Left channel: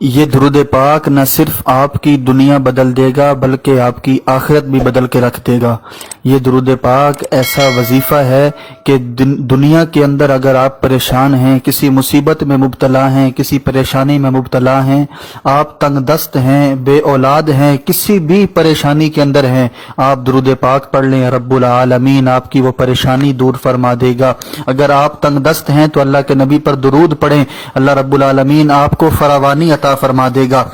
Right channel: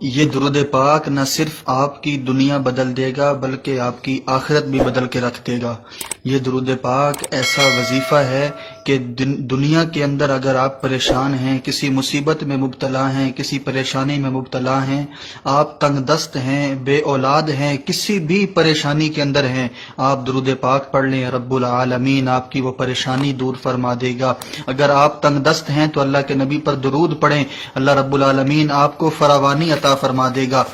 یہ درود پاک نہ صرف آپ کی دنیا بدل دے گا بلکہ آپ کی آخرت بھی بدل کے رکھ دے گا۔ یہ درود پاک ایسا وظیفہ ہے کہ دنیا کے اندر اگر آپ پریشان ہیں، کسی مصیبت میں مبتلا ہیں، کسی پریشانی میں مبتلا ہیں، آپ تنگ دست ہیں، بے اولاد ہیں، کسی بھی پریشانی کے اندر ہیں، آپ درود پاک پڑھ لیں، رب العالمین آپ کی وہ پریشانی دور فرما دے گا۔ اگر آپ تنگ دست ہیں تو اللہ کے نبی پر درود پڑھیں، اللہ رب العالمین آپ کو فراوانی عطا فرما دے گا۔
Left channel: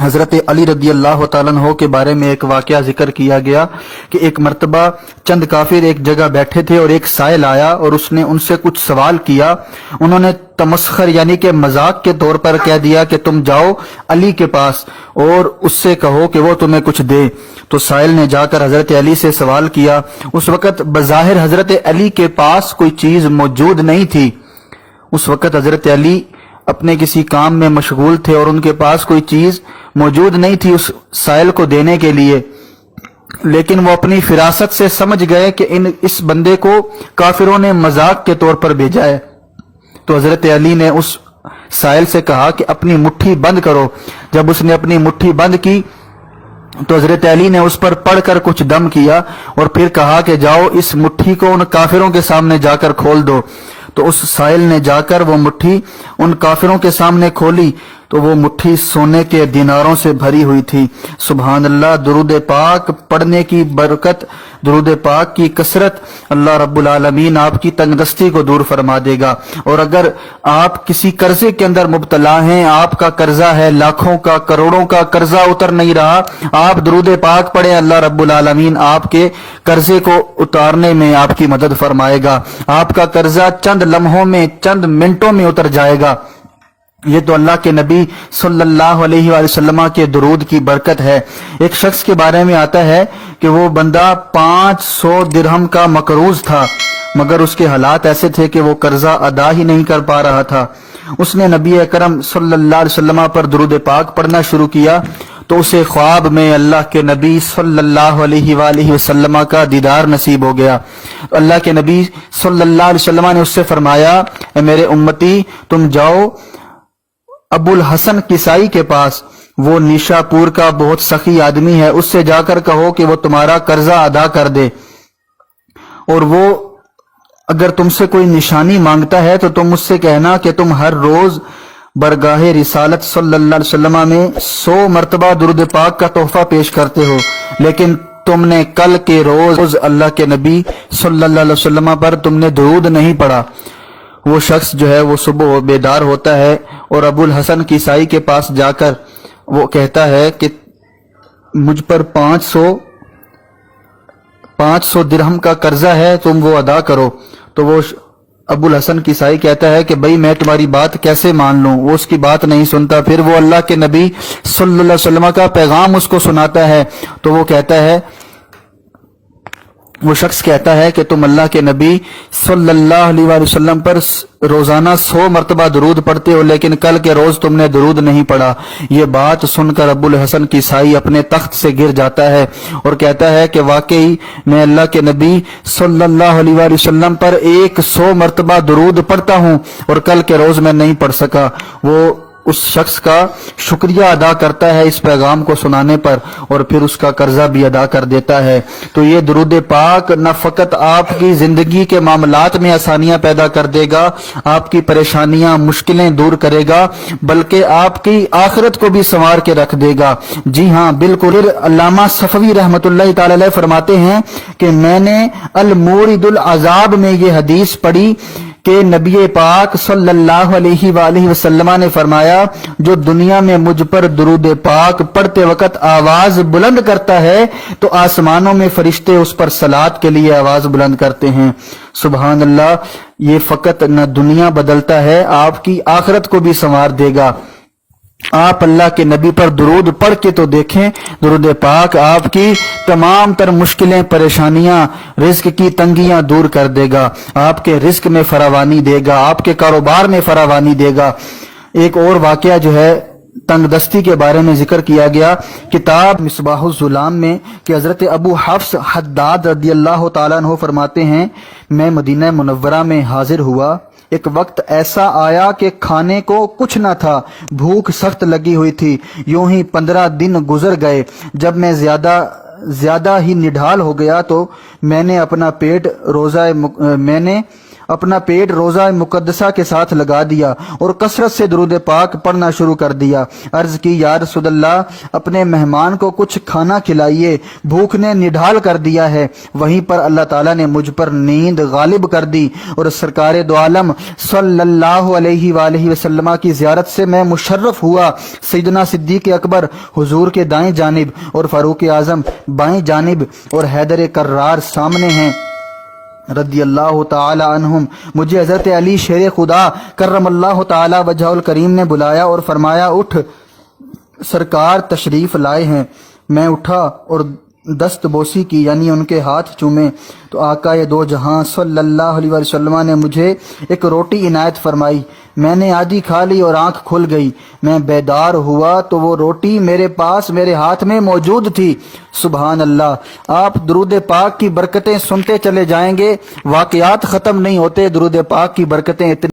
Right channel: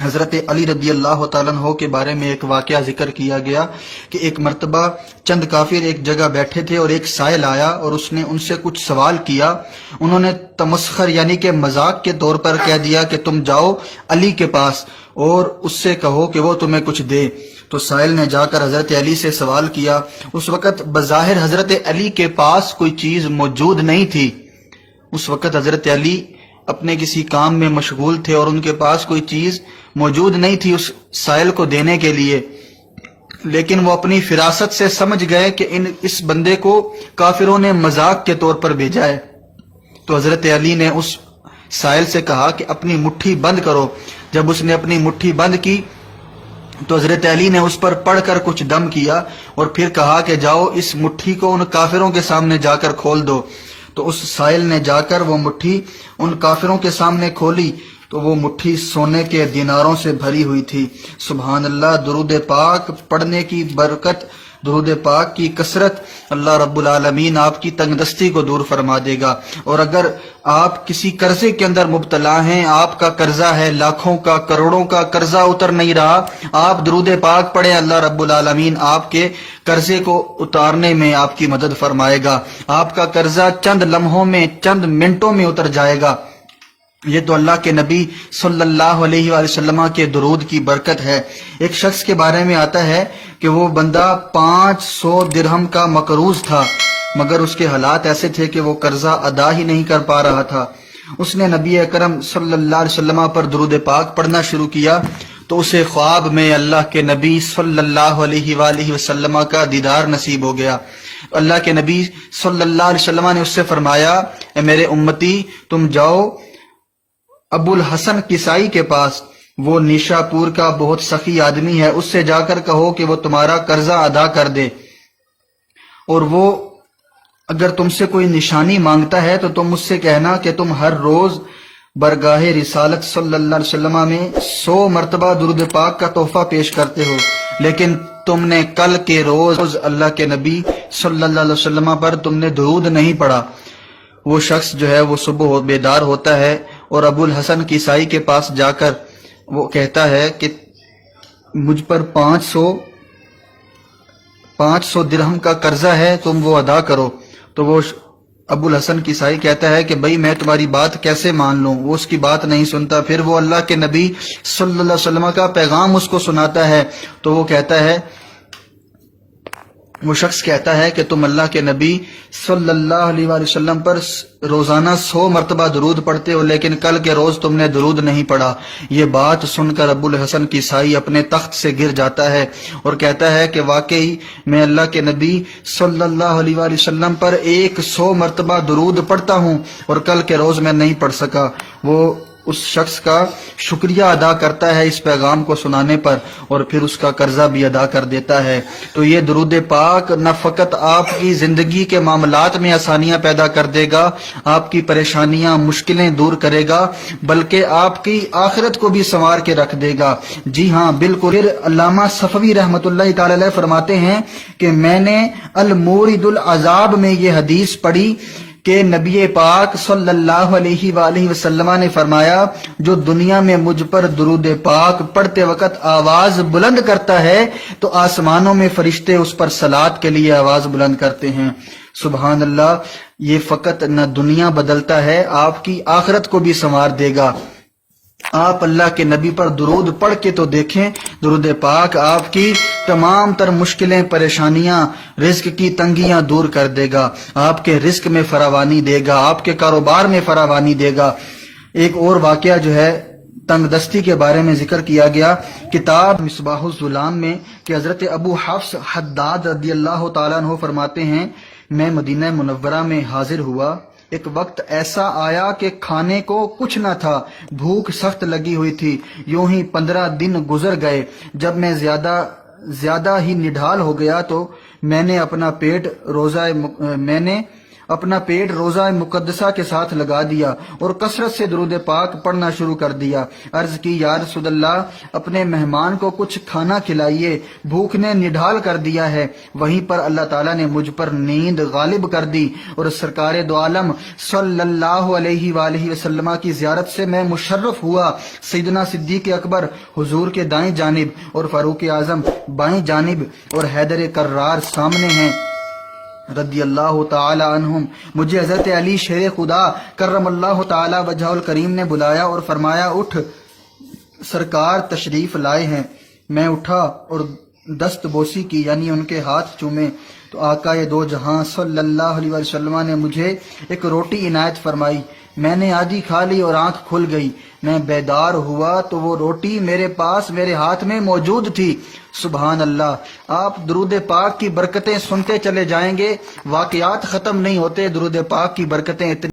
حضرت علی رضی اللہ تعالیٰ عنہ کے بارے میں ایک واقعہ ذکر کیا گیا کہ ایک مرتبہ چند کافر ایک جگہ بیٹھے تھے اور ایک سائل آیا اور اس نے ان سے کچھ سوال کیا۔ انہوں نے تمسخر یعنی کہ مذاق کے طور پر کہہ دیا کہ تم جاؤ علی کے پاس اور اس سے کہو کہ وہ تمہیں کچھ دے۔ تو سائل نے جا کر حضرت علی سے سوال کیا۔ اس وقت بظاہر حضرت علی کے پاس کوئی چیز موجود نہیں تھی۔ اس وقت حضرت علی اپنے کسی کام میں مشغول تھے اور ان کے پاس کوئی چیز موجود نہیں تھی اس سائل کو دینے کے لیے، لیکن وہ اپنی فراست سے سمجھ گئے کہ اس بندے کو کافروں نے مذاق کے طور پر بھیجا ہے۔ تو حضرت علی نے اس سائل سے کہا کہ اپنی مٹھی بند کرو۔ جب اس نے اپنی مٹھی بند کی تو حضرت علی نے اس پر پڑھ کر کچھ دم کیا اور پھر کہا کہ جاؤ اس مٹھی کو ان کافروں کے سامنے جا کر کھول دو۔ تو اس سائل نے جا کر وہ مٹھی ان کافروں کے سامنے کھولی تو وہ مٹھی سونے کے دیناروں سے بھری ہوئی تھی۔ سبحان اللہ، درود پاک پڑھنے کی برکت، درود پاک کی کثرت، اللہ رب العالمین آپ کی تنگ دستی کو دور فرما دے گا۔ اور اگر آپ کسی قرضے کے اندر مبتلا ہیں، آپ کا قرضہ ہے لاکھوں کا، کروڑوں کا قرضہ اتر نہیں رہا، آپ درود پاک پڑھیں، اللہ رب العالمین آپ کے قرضے کو اتارنے میں آپ کی مدد فرمائے گا۔ آپ کا قرضہ چند لمحوں میں، چند منٹوں میں اتر جائے گا۔ یہ تو اللہ کے نبی صلی اللہ علیہ وآلہ وسلم کے درود کی برکت ہے۔ ایک شخص کے بارے میں آتا ہے کہ وہ بندہ 500 درہم کا مقروض تھا، مگر اس کے حالات ایسے تھے کہ وہ قرضہ ادا ہی نہیں کر پا رہا تھا۔ اس نے نبی اکرم صلی اللہ علیہ وسلم پر درود پاک پڑھنا شروع کیا تو اسے خواب میں اللہ کے نبی صلی اللہ علیہ وآلہ وسلم کا دیدار نصیب ہو گیا۔ اللہ کے نبی صلی اللہ علیہ وسلم نے اس سے فرمایا، اے میرے امتی، تم جاؤ ابو الحسن کسائی کے پاس، وہ نیشا پور کا بہت سخی آدمی ہے، اس سے جا کر کہو کہ وہ تمہارا قرضہ ادا کر دے، اور وہ اگر تم سے کوئی نشانی مانگتا ہے تو تم اس سے کہنا کہ تم ہر روز برگاہ رسالت صلی اللہ علیہ وسلم میں 100 مرتبہ درود پاک کا تحفہ پیش کرتے ہو، لیکن تم نے کل کے روز اللہ کے نبی صلی اللہ علیہ وسلم پر تم نے درود نہیں پڑھا۔ وہ شخص جو ہے وہ صبح بیدار ہوتا ہے اور ابو الحسن کسائی کے پاس جا کر وہ کہتا ہے کہ مجھ پر 500 درہم کا قرضہ ہے، تم وہ ادا کرو۔ تو وہ ابو الحسن کسائی کہتا ہے کہ بھئی میں تمہاری بات کیسے مان لوں؟ وہ اس کی بات نہیں سنتا۔ پھر وہ اللہ کے نبی صلی اللہ علیہ وسلم کا پیغام اس کو سناتا ہے تو وہ شخص کہتا ہے کہ تم اللہ کے نبی صلی اللہ علیہ وآلہ وسلم پر روزانہ 100 مرتبہ درود پڑھتے ہو، لیکن کل کے روز تم نے درود نہیں پڑھا۔ یہ بات سن کر ابو الحسن کسائی اپنے تخت سے گر جاتا ہے اور کہتا ہے کہ واقعی میں اللہ کے نبی صلی اللہ علیہ وآلہ وسلم پر 100 مرتبہ درود پڑھتا ہوں اور کل کے روز میں نہیں پڑھ سکا۔ وہ اس شخص کا شکریہ ادا کرتا ہے اس پیغام کو سنانے پر اور پھر اس کا قرضہ بھی ادا کر دیتا ہے۔ تو یہ درود پاک نہ فقط آپ کی زندگی کے معاملات میں آسانیاں پیدا کر دے گا، آپ کی پریشانیاں مشکلیں دور کرے گا، بلکہ آپ کی آخرت کو بھی سنوار کے رکھ دے گا۔ جی ہاں بالکل، علامہ صفوی رحمۃ اللہ تعالی علیہ فرماتے ہیں کہ میں نے المورد العذاب میں یہ حدیث پڑھی کہ نبی پاک صلی اللہ علیہ وآلہ وسلم نے فرمایا، جو دنیا میں مجھ پر درود پاک پڑھتے وقت آواز بلند کرتا ہے تو آسمانوں میں فرشتے اس پر صلات کے لیے آواز بلند کرتے ہیں۔ سبحان اللہ، یہ فقط نہ دنیا بدلتا ہے، آپ کی آخرت کو بھی سنوار دے گا۔ آپ اللہ کے نبی پر درود پڑھ کے تو دیکھیں، درود پاک آپ کی تمام تر مشکلیں، پریشانیاں، رزق کی تنگیاں دور کر دے گا، آپ کے رزق میں فراوانی دے گا، آپ کے کاروبار میں فراوانی دے گا۔ ایک اور واقعہ جو ہے تنگ دستی کے بارے میں ذکر کیا گیا کتاب مصباح الظلام میں کہ حضرت ابو حفص حداد رضی اللہ تعالیٰ عنہ فرماتے ہیں، میں مدینہ منورہ میں حاضر ہوا ایک وقت ایسا آیا کہ کھانے کو کچھ نہ تھا، بھوک سخت لگی ہوئی تھی۔ یوں ہی 15 دن گزر گئے۔ جب میں زیادہ ہی نڈھال ہو گیا تو میں نے اپنا پیٹ روزہ مقدسہ کے ساتھ لگا دیا اور کثرت سے درود پاک پڑھنا شروع کر دیا۔ عرض کی یا رسول اللہ، اپنے مہمان کو کچھ کھانا کھلائیے، بھوک نے نڈھال کر دیا ہے۔ وہیں پر اللہ تعالیٰ نے مجھ پر نیند غالب کر دی اور سرکار دو عالم صلی اللہ علیہ وآلہ وسلم کی زیارت سے میں مشرف ہوا۔ سیدنا صدیق اکبر حضور کے دائیں جانب اور فاروق اعظم بائیں جانب اور حیدر کرار سامنے ہیں رضی اللہ تعالی عنہم۔ مجھے حضرت علی شیر خدا کرم اللہ تعالی وجہ الکریم نے بلایا اور فرمایا اٹھ، سرکار تشریف لائے ہیں۔ میں اٹھا اور دست بوسی کی، یعنی ان کے ہاتھ چومے، تو آقا دو جہاں صلی اللہ علیہ وسلم نے مجھے ایک روٹی عنایت فرمائی۔ میں نے آدھی کھا لی اور آنکھ کھل گئی۔ میں بیدار ہوا تو وہ روٹی میرے پاس میرے ہاتھ میں موجود تھی۔ سبحان اللہ! آپ درود پاک کی برکتیں سنتے چلے جائیں گے، واقعات ختم نہیں ہوتے۔ درود پاک کی برکتیں اتنی